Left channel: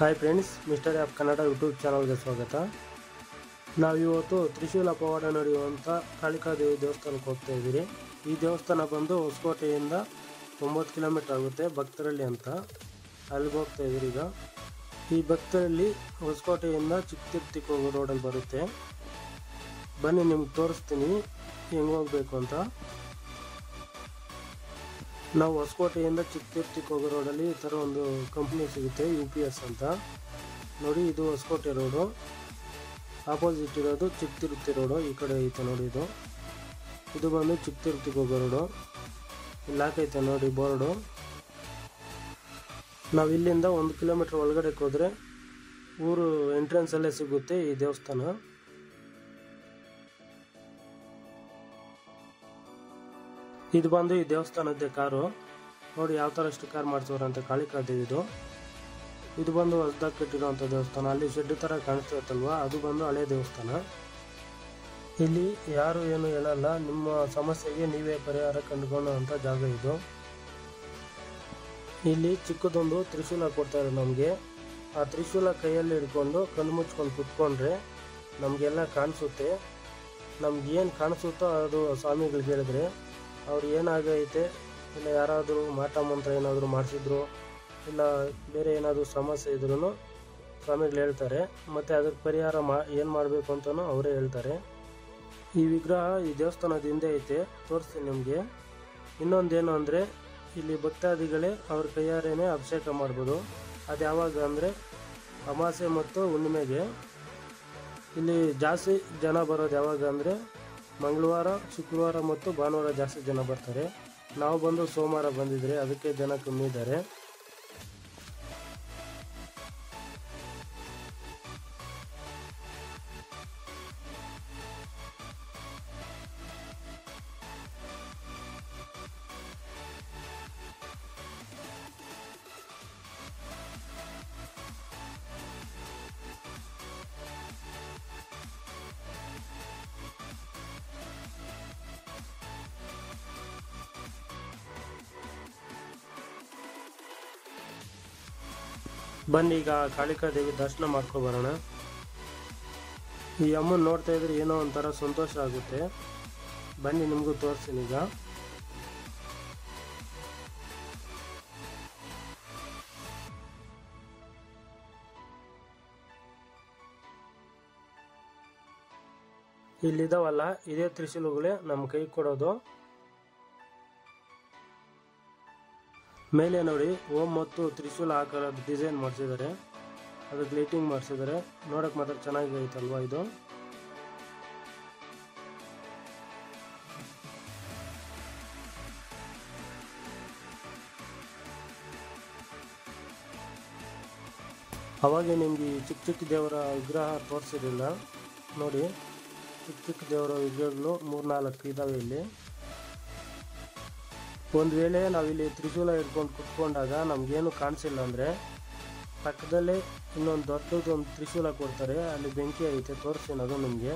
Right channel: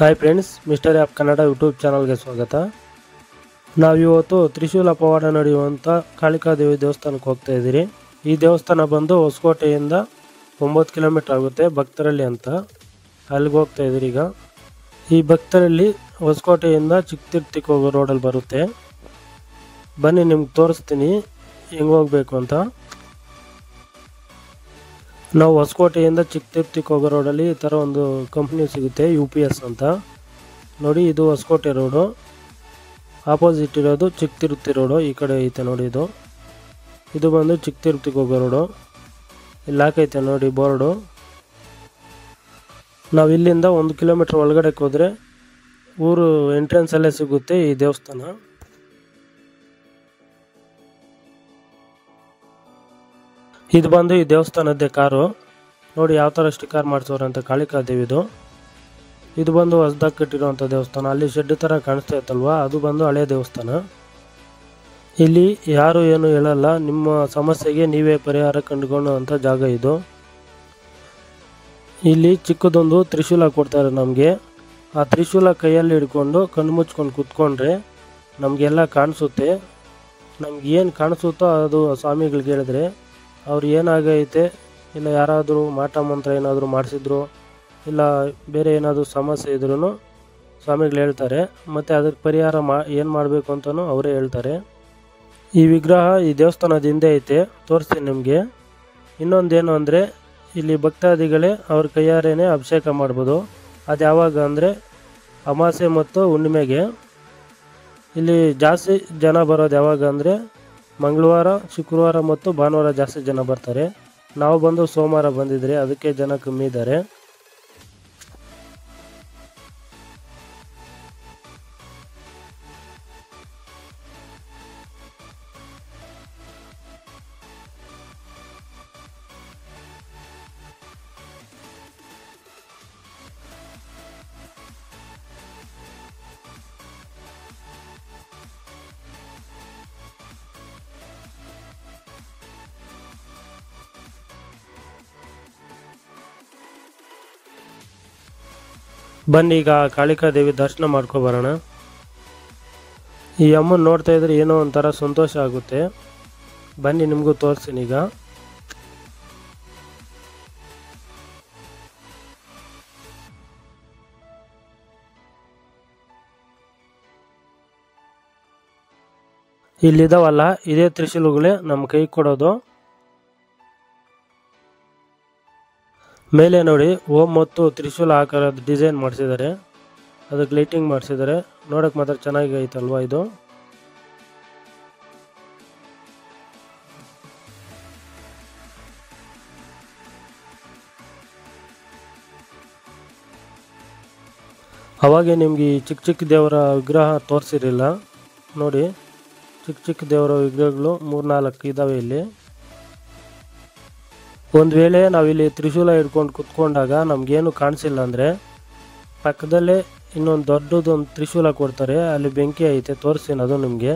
Hi friends, mister app Kannada YouTube ಚಾನಲ್ಗೆ ಸ್ವಾಗತ. ನಾವಿವತ್ತು ತ್ರಿಶೂಲ ಪವಾಡ ನಡೆಯುವಂಥ ಕಾಳಿಕಾದೇವಿ ದೇವಸ್ಥಾನಕ್ಕೆ ಹೋಗ್ತಾ ಇದ್ದೀರಿ. ಈ ದೇವಸ್ಥಾನ ಬಂದು ಹೊಸಕೋಟೆಯಿಂದ 9 ಕಿಲೋಮೀಟರ್ ಆಗುತ್ತೆ, ಭಕ್ತರಳ್ಳಿ ಅಂತ. ಅಲ್ಲಿಗೆ ಹೋಗ್ತಾ ಇದ್ದೀರಿ. ಈಗ ಈ ಭಕ್ತರಳ್ಳಿ ಹೊಸಕೋಟೆಯಿಂದ ಚಿಕ್ಕತಿರ್ತಿಗೆ ಹೋಗೋ ರೋಡಲ್ಲಿ ಬರುತ್ತೆ. ಬನ್ನಿ, ನಿಮ್ಗೆ ತೋರಿಸ್ತೀನಿ ಹೆಂಗೆ ಹೋಗಬೇಕು ಅಂತ. ನಾವು ಹೊಸಕೋಟೆಯಿಂದ ಚಿಕ್ಕತಿರ್ತಿಗೆ ಹೋಗೋ ರೋಡಲ್ಲಿ ಈ ಥರ ಒಂದು ಕಂಪ್ನಿ ಸಿಗುತ್ತೆ, UPS ಅಂತ. ನೋಡಿ, ಇದು ಹೊಸಕೋಟೆ ರೋಡು. ಆಪೋಸಿಟ್ ಇರೋದು ಚಿಕ್ಕತಿರ್ತಿ ರೋಡು. ಈ ಕಡೆ ಐತೆ ನೋಡಿ, ಇದು ಬಂದು ಚಿಕ್ಕತಿರ್ತಿಗೆ ಹೋಗೋ ರೋಡು. ಇಲ್ಲಿ ಹಾಕೈತೆ ನೋಡಿ ಬೋರ್ಡು. ನಾವು ಇಲ್ಲಿಂದ 1 ಕಿಲೋಮೀಟರ್ ಒಳಗಡೆ ಹೋದರೆ ಊರು ಎಂಟ್ರೆನ್ಸಲ್ಲೇ ಸಿಗುತ್ತೆ ಈ ದೇವಸ್ಥಾನ. ಇದು ಬಂದು ಈ ದೇವಸ್ಥಾನದ್ದೇ ಕಾರು. ನೋಡಿ ಯಾವ ಥರ ಸ್ಟಿಕ್ಕರ್ ಮಾಡಿಸೋರು ಅಂತ, ಕಾಳಿಕಾದೇವಿದು. ಇದು ಬಂದು ಹೊಸದಾಗಿ ಕಟ್ಟಿರುವಂಥ ದೇವಸ್ಥಾನ. ಅಲ್ಲಿ ಶೆಡ್ ಥರ ಕಾಣಿಸ್ತಾ ಇತ್ತಲ್ವಾ, ಅದು ಬಂದು ಹಳೆ ದೇವಸ್ಥಾನ. ಇಲ್ಲಿ ಯಾರು ಏನು ಹೇಳಲ್ಲ, ನಿಮ್ಮ ಸಮಸ್ಯೆಗೆ ನೀವೇ ಪರಿಹಾರ ಕಂಡುಕೊಳ್ಳುವಂಥ ಜಾಗ ಇದು. ಇಲ್ಲಿ ಚಿಕ್ಕದೊಂದು ತ್ರಿಶೂಲ ಕೊಡ್ತಾರೆ ನಮಗೆ. ಆ ತ್ರಿಶೂಲ ಕೈಯಲ್ಲಿ ಹಿಡ್ಕೊಂಡು ಕಣ್ಣು ಮುಚ್ಕೊಂಡು ಕೂತ್ಕೊಂಡ್ರೆ ನಮಗೆಲ್ಲ ಕಾಣಿಸುತ್ತೆ. ನಮ್ಗೆ ಏನು ಕಾಣಿಸುತ್ತೋ ಅದು ಸ್ವಾಮಿಗಳಿಗೆ ಹೇಳಿದ್ರೆ ಅವ್ರು ಏನಾಗೈತೆ, ಇಲ್ಲ ಯಾರಾದರೂ ಮಾಟ ಮಂತ್ರ ಏನಾದರೂ ಮಾಡಿಸಿದ್ರು, ಇಲ್ಲ ಬೇರೆ ಏನಾದರೂ ಸಮಸ್ಯೆ ಇದ್ರೂ ಸ್ವಾಮಿಗಳು ಹೇಳ್ತಾರೆ. ಮತ್ತು ಅದಕ್ಕೆ ಪರಿಹಾರ ಏನು ಮಾಡಬೇಕು ಅಂತಲೂ ಅವರೇ ಹೇಳ್ತಾರೆ. ಈ ವಿಗ್ರಹ ಈ ದೇವಸ್ಥಾನದ ಹಿಂದೆ ಐತೆ, ತೋರಿಸ್ತೀನಿ ನಿಮಗೆ. ಇನ್ನೊಂದೇನು ಅಂದರೆ, ಇಲ್ಲಿ ಭಕ್ತಾದಿಗಳೇ ಅವ್ರ ಕೈಯಾರೇನೆ ಅಭಿಷೇಕ ಮಾಡ್ಬೋದು. ಅದು ಯಾವಾಗ ಅಂದರೆ ಅಮಾವಾಸ್ಯೆ ಮತ್ತು ಹುಣ್ಣಿಮೆಗೆ. ಇಲ್ಲಿ ಜಾಸ್ತಿ ಜನ ಬರೋದು ಯಾವಾಗ ಅಂದರೆ ಮಂಗಳವಾರ, ಶುಕ್ರವಾರ ಮತ್ತು ಭಾನುವಾರ ಜಾಸ್ತಿ ಜನ ಬರ್ತಾರೆ. ನಾವು ಬಂದು ಸೋಮವಾರ ಬಂದಿದ್ರೆ ಅದಕ್ಕೆ ಜನ ಕಮ್ಮಿ ಇದ್ದಾರೆ. ಬನ್ನಿ, ಈಗ ಕಾಳಿಕಾದೇವಿ ದರ್ಶನ ಮಾಡ್ಕೊಬರೋಣ. ಈ ಅಮ್ಮನ ನೋಡ್ತಾ ಇದ್ರೆ ಏನೋ ಒಂಥರ ಸಂತೋಷ ಆಗುತ್ತೆ. ಬನ್ನಿ, ನಿಮಗೂ ತೋರಿಸ್ತೀನಿ. ಈಗ ಇಲ್ಲಿದಾವಲ್ಲ, ಇದೇ ತ್ರಿಶೂಲಗಳೇ ನಮ್ಮ ಕೈ ಕೊಡೋದು. ಮೇಲೆ ನೋಡಿ ಓಂ ಮತ್ತು ತ್ರಿಶೂಲ ಆಕಾರದ ಡಿಸೈನ್ ಮಾಡಿಸಿದ್ದಾರೆ, ಅದಕ್ಕೆ ಲೈಟಿಂಗ್ ಮಾಡಿಸಿದ್ದಾರೆ. ನೋಡೋಕೆ ಮಾತ್ರ ಚೆನ್ನಾಗಿ ಐತಲ್ವಾ ಇದು. ಅವಾಗೆ ನಿಮ್ಗೆ ಈ ಚಿಕ್ಕ ಚಿಕ್ಕ ದೇವರ ವಿಗ್ರಹ ತೋರಿಸಿರಲಿಲ್ಲ. ನೋಡಿ, ಚಿಕ್ಕ ಚಿಕ್ಕ ದೇವರ ವಿಗ್ರಹಗಳು 3-4 ಇದ್ದಾವೆ ಇಲ್ಲಿ. ಒಂದು ವೇಳೆ ನಾವಿಲ್ಲಿ ತ್ರಿಶೂಲ ಹಿಡ್ಕೊಂಡು ಕುತ್ಕೊಂಡಾಗ ನಮಗೇನು ಕಾಣಿಸಿಲ್ಲ ಅಂದರೆ ಪಕ್ಕದಲ್ಲೇ ಇನ್ನೊಂದು ದೊಡ್ಡದೊಂದು ತ್ರಿಶೂಲ ಕೊಡ್ತಾರೆ. ಅಲ್ಲಿ ಬೆಂಕಿ ಐತೆ, ತೋರಿಸ್ತೀನಿ ಅದು ನಿಮಗೆ.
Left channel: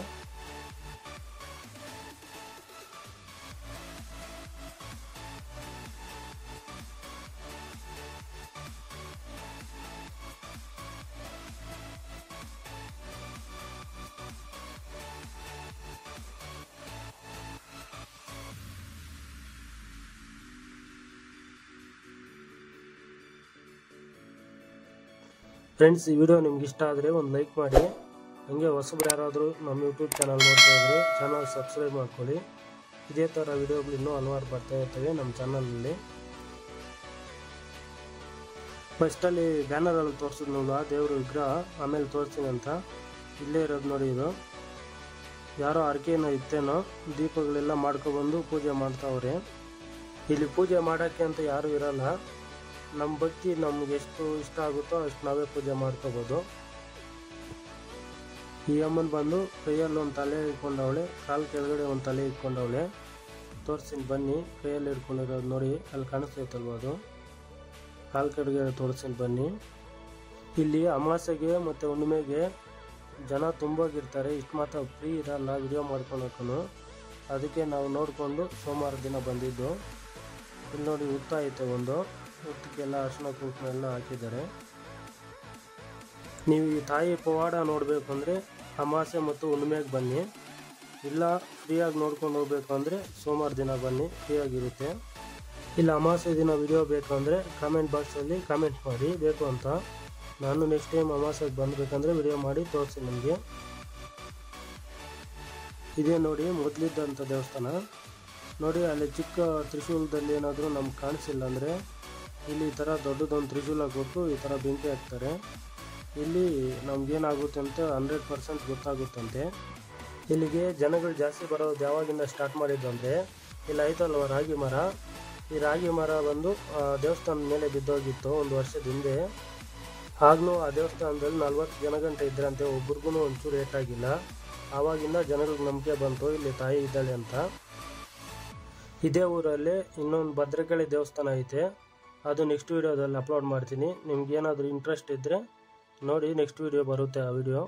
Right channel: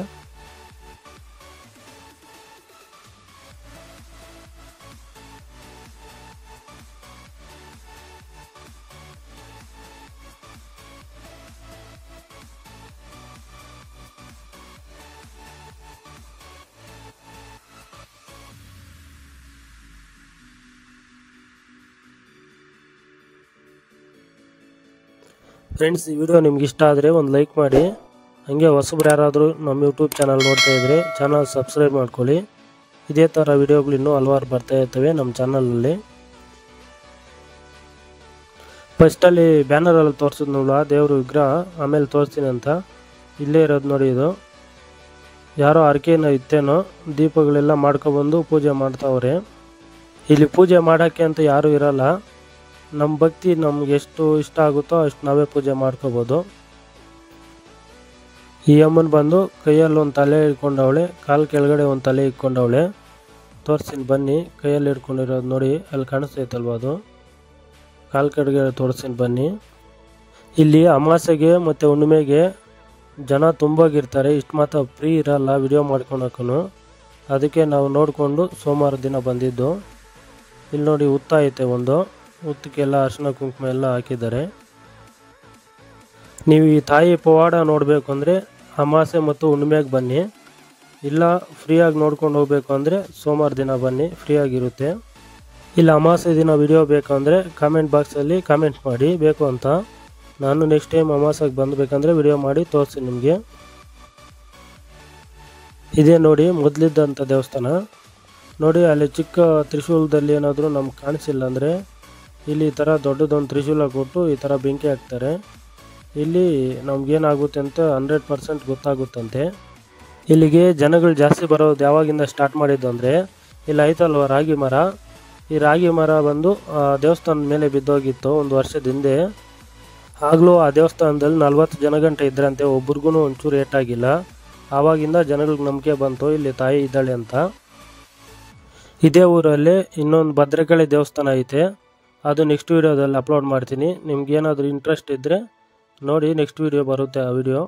ಫ್ರೆಂಡ್ಸ್, ಈ ವಿಡಿಯೋ ನಿಮ್ಗೆ ಇಷ್ಟ ಆದರೆ ಒಂದು ಲೈಕ್ ಮಾಡಿ. ಹಾಗೆ ಹೊಸಬ್ರು ಯಾರಾದರೂ ನಮ್ಮ ಯೂಟ್ಯೂಬ್ ಚಾನಲ್ ನೋಡ್ತಾ ಇದ್ದರೆ ಚಾನಲ್ ಸಬ್ಸ್ಕ್ರೈಬ್ ಮಾಡ್ಕೊಳ್ಳಿ. ಇದೇ ಥರ ವಿಡಿಯೋಗಳು ಇನ್ನೂ ಹಲವಾರು ಬರ್ತಾ ಇರ್ತವೆ ನಮ್ಮ ಚಾನಲಲ್ಲಿ. ಫಸ್ಟಲ್ಲಿ ಬ್ಯಾನರಲ್ಲಿ ತೋರಿಸಿದ್ನಲ್ಲ ದೇವ್ರ ವಿಗ್ರಹ, ಆಮೇಲೆ ತೋರಿಸ್ತೀನಿ ಅಂತ. ಇಲ್ಲೇ ಇರೋದು ನೋಡಿ, ಇದು ಯಾರೋ ಅರ್ಕೆನೋ ಇತ್ತೇನೋ, ದೀಪಗಳೆಲ್ಲ ಮಾಡ್ಕೊಬಂದು ಪೂಜೆ ಮಾಡ್ತಾವ್ರೆ. ಇಲ್ಲಿ ಪೂಜೆ ಮಾಡೋಕ್ಕೆ ಅಂತ ಯಾರೂ ಇರಲ್ಲ. ನಮ್ಮ ಭಕ್ತಿ ನಮ್ಗೆ ಎಷ್ಟು ಇಷ್ಟ ಆಗುತ್ತೋ ಅಷ್ಟು ನಾವೇ ಪೂಜೆ ಮಾಡ್ಕೋಬೋದು. ಈ ಅಮ್ಮನ ಬಂದು ಕೈಯಲ್ಲಿ ಒಂದು ತಲೆ ಇಟ್ಕೊಂಡವಳೆ, ಕಾಲು ಕೆಳಗಡೆ ಒಂದು ತಲೆ ಇಟ್ಕೊಂಡವಳೆ. ತೋರಿಸ್ತೀನಿ ಬನ್ನಿ. ಕೈಯಲ್ಲಿ ಇಟ್ಕೊಂಡಿರೋದು ನೋಡಿ, ಅಲ್ಲಿ ಕಾಣಿಸ್ತೈತಲ್ವ, ಅದು ಕಾಲು ಕೆಳಗಡೆ ತೋರಿಸ್ತೀನಿ ಬನ್ನಿ. ಇಲ್ಲಿ ಅಮಾವಾಸ್ಯೆಗೆ ಮತ್ತು ಹುಣ್ಣಿಮೆಗೆ ಜನ ತುಂಬಾಗಿರ್ತಾರೆ. ಇಷ್ಟು ಮಾತ್ರ ಫ್ರೀ ಇರಲ್ಲ ವಿಡಿಯೋ ಮಾಡ್ಕೊಳಕ್ಕೂ. ಅದಕ್ಕೆ ನಾವು ನೋಡಿಕೊಂಡು ಸೋಮವಾರ ದಿನ ಬಂದಿದ್ದು. ಇಲ್ಲಿ ನೋಡಿ ಹುತ್ತ ಐತೆ ಒಂದು, ಹುತ್ತಕ್ಕೆಲ್ಲ ಅರಿಶಿನ ಕುಂಕುಮ ಎಲ್ಲ ಹಾಕಿದ್ದಾರೆ. ನೀವು ಈ ತಾಯಿ ಪವಾಡ ನೋಡಬೇಕು ಅಂದರೆ ಅಮಾವಾಸ್ಯೆ ಮತ್ತು ಹುಣ್ಣಿಮೆಗೆ ಬನ್ನಿ, ಇಲ್ಲ ಫ್ರೀಯಾಗಿ ನೋಡ್ಕೊಂಡು ಹೋಗಬೇಕು ಅಂದರೆ ಸೋಮವಾರ ದಿನ ಬನ್ನಿ, ಫ್ರೀಯಾಗಿರುತ್ತೆ. ಇಲ್ಲ ಅಮಾವಾಸ್ಯೆ ದಿನ ವಿಡಿಯೋ ಬೇಕು ಅಂದರೆ ಕಾಮೆಂಟ್ ಬಾಕ್ಸಲ್ಲಿ ಕಾಮೆಂಟ್ ಮಾಡಿ ಬೇಕು ಅಂತ. ನಾನು ನೆಕ್ಸ್ಟ್ ಟೈಮ್ ಅಮಾವಾಸ್ಯೆಗೆ ಬಂದಬೇಕಂದ್ರೆ ವಿಡಿಯೋ ಮಾಡಿ ತೋರಿಸ್ತೀನಿ ನಿಮಗೆ. ಇದೇ ನೋಡಿ ಮೊದಲಿದ್ದಂಥ ದೇವಸ್ಥಾನ. ನೋಡಿ ಅಲ್ಲಿ ಚಿಕ್ಕ ತ್ರಿಶೂಲದಲ್ಲಿ ಏನಾದರೂ ನಮ್ಗೆ ಕಾಣಿಸಿಲ್ಲ ಅಂದರೆ ಇಲ್ಲಿ ಈ ಥರ ದೊಡ್ಡದೊಂದು ತ್ರಿಶೂಲ ಕೊಟ್ಟು ಈ ಥರ ಬೆಂಕಿ ಹಾಕ್ತಾರೆ. ಇಲ್ಲಿ ನಮಗೇನಾಗುತ್ತೆ ಅಂತ 100% ಗೊತ್ತಾಗುತ್ತಂತೆ. ಇಲ್ಲಿಗೆ ಜನಗಳು ಜಾಸ್ತಿ ಬರೋದು ಯಾವಾಗಿಂದ ಸ್ಟಾರ್ಟ್ ಮಾಡಿದ್ದು ಅಂದರೆ, ಇಲ್ಲಿ ಐತಲ್ವ ರಾಗಿ ಮರ, ಈ ರಾಗಿ ಮರ ಬಂದು ದೇವಸ್ಥಾನದ ಮೇಲೆ ಬಿದ್ದೋಗಿತ್ತು ಒಂದು ವರ್ಷದ ಹಿಂದೆ. ಆಗಲೂ ಆ ದೇವಸ್ಥಾನದಲ್ಲಿ 40 ಜನಗಂಟೆ ಇದ್ರಂತೆ, ಒಬ್ರಿಗೂ ಒಂಚೂರು ಏಟಾಗಿಲ್ಲ. ಆವಾಗಿಂದ ಜನಗಳಿಗೆ ನಂಬಿಕೆ ಬಂತು ಇಲ್ಲಿ ತಾಯಿ ಇದ್ದಾಳೆ ಅಂತ. ಇದೇ ಊರಲ್ಲಿ ಇನ್ನೊಂದು ಭದ್ರಕಾಳಿ ದೇವಸ್ಥಾನ ಐತೆ, ಅದು ನೆಕ್ಸ್ಟ್ ವೀಡಿಯೋದಲ್ಲಿ ಅಪ್ಲೋಡ್ ಮಾಡ್ತೀನಿ. ನಿಮ್ಗೇನಾದರೂ ಇಂಟ್ರೆಸ್ಟ್ ಇದ್ದರೆ ನೋಡಿ, ನೆಕ್ಸ್ಟ್ ವೀಡಿಯೋ ಬರುತ್ತೆ ಆ ವಿಡಿಯೋ.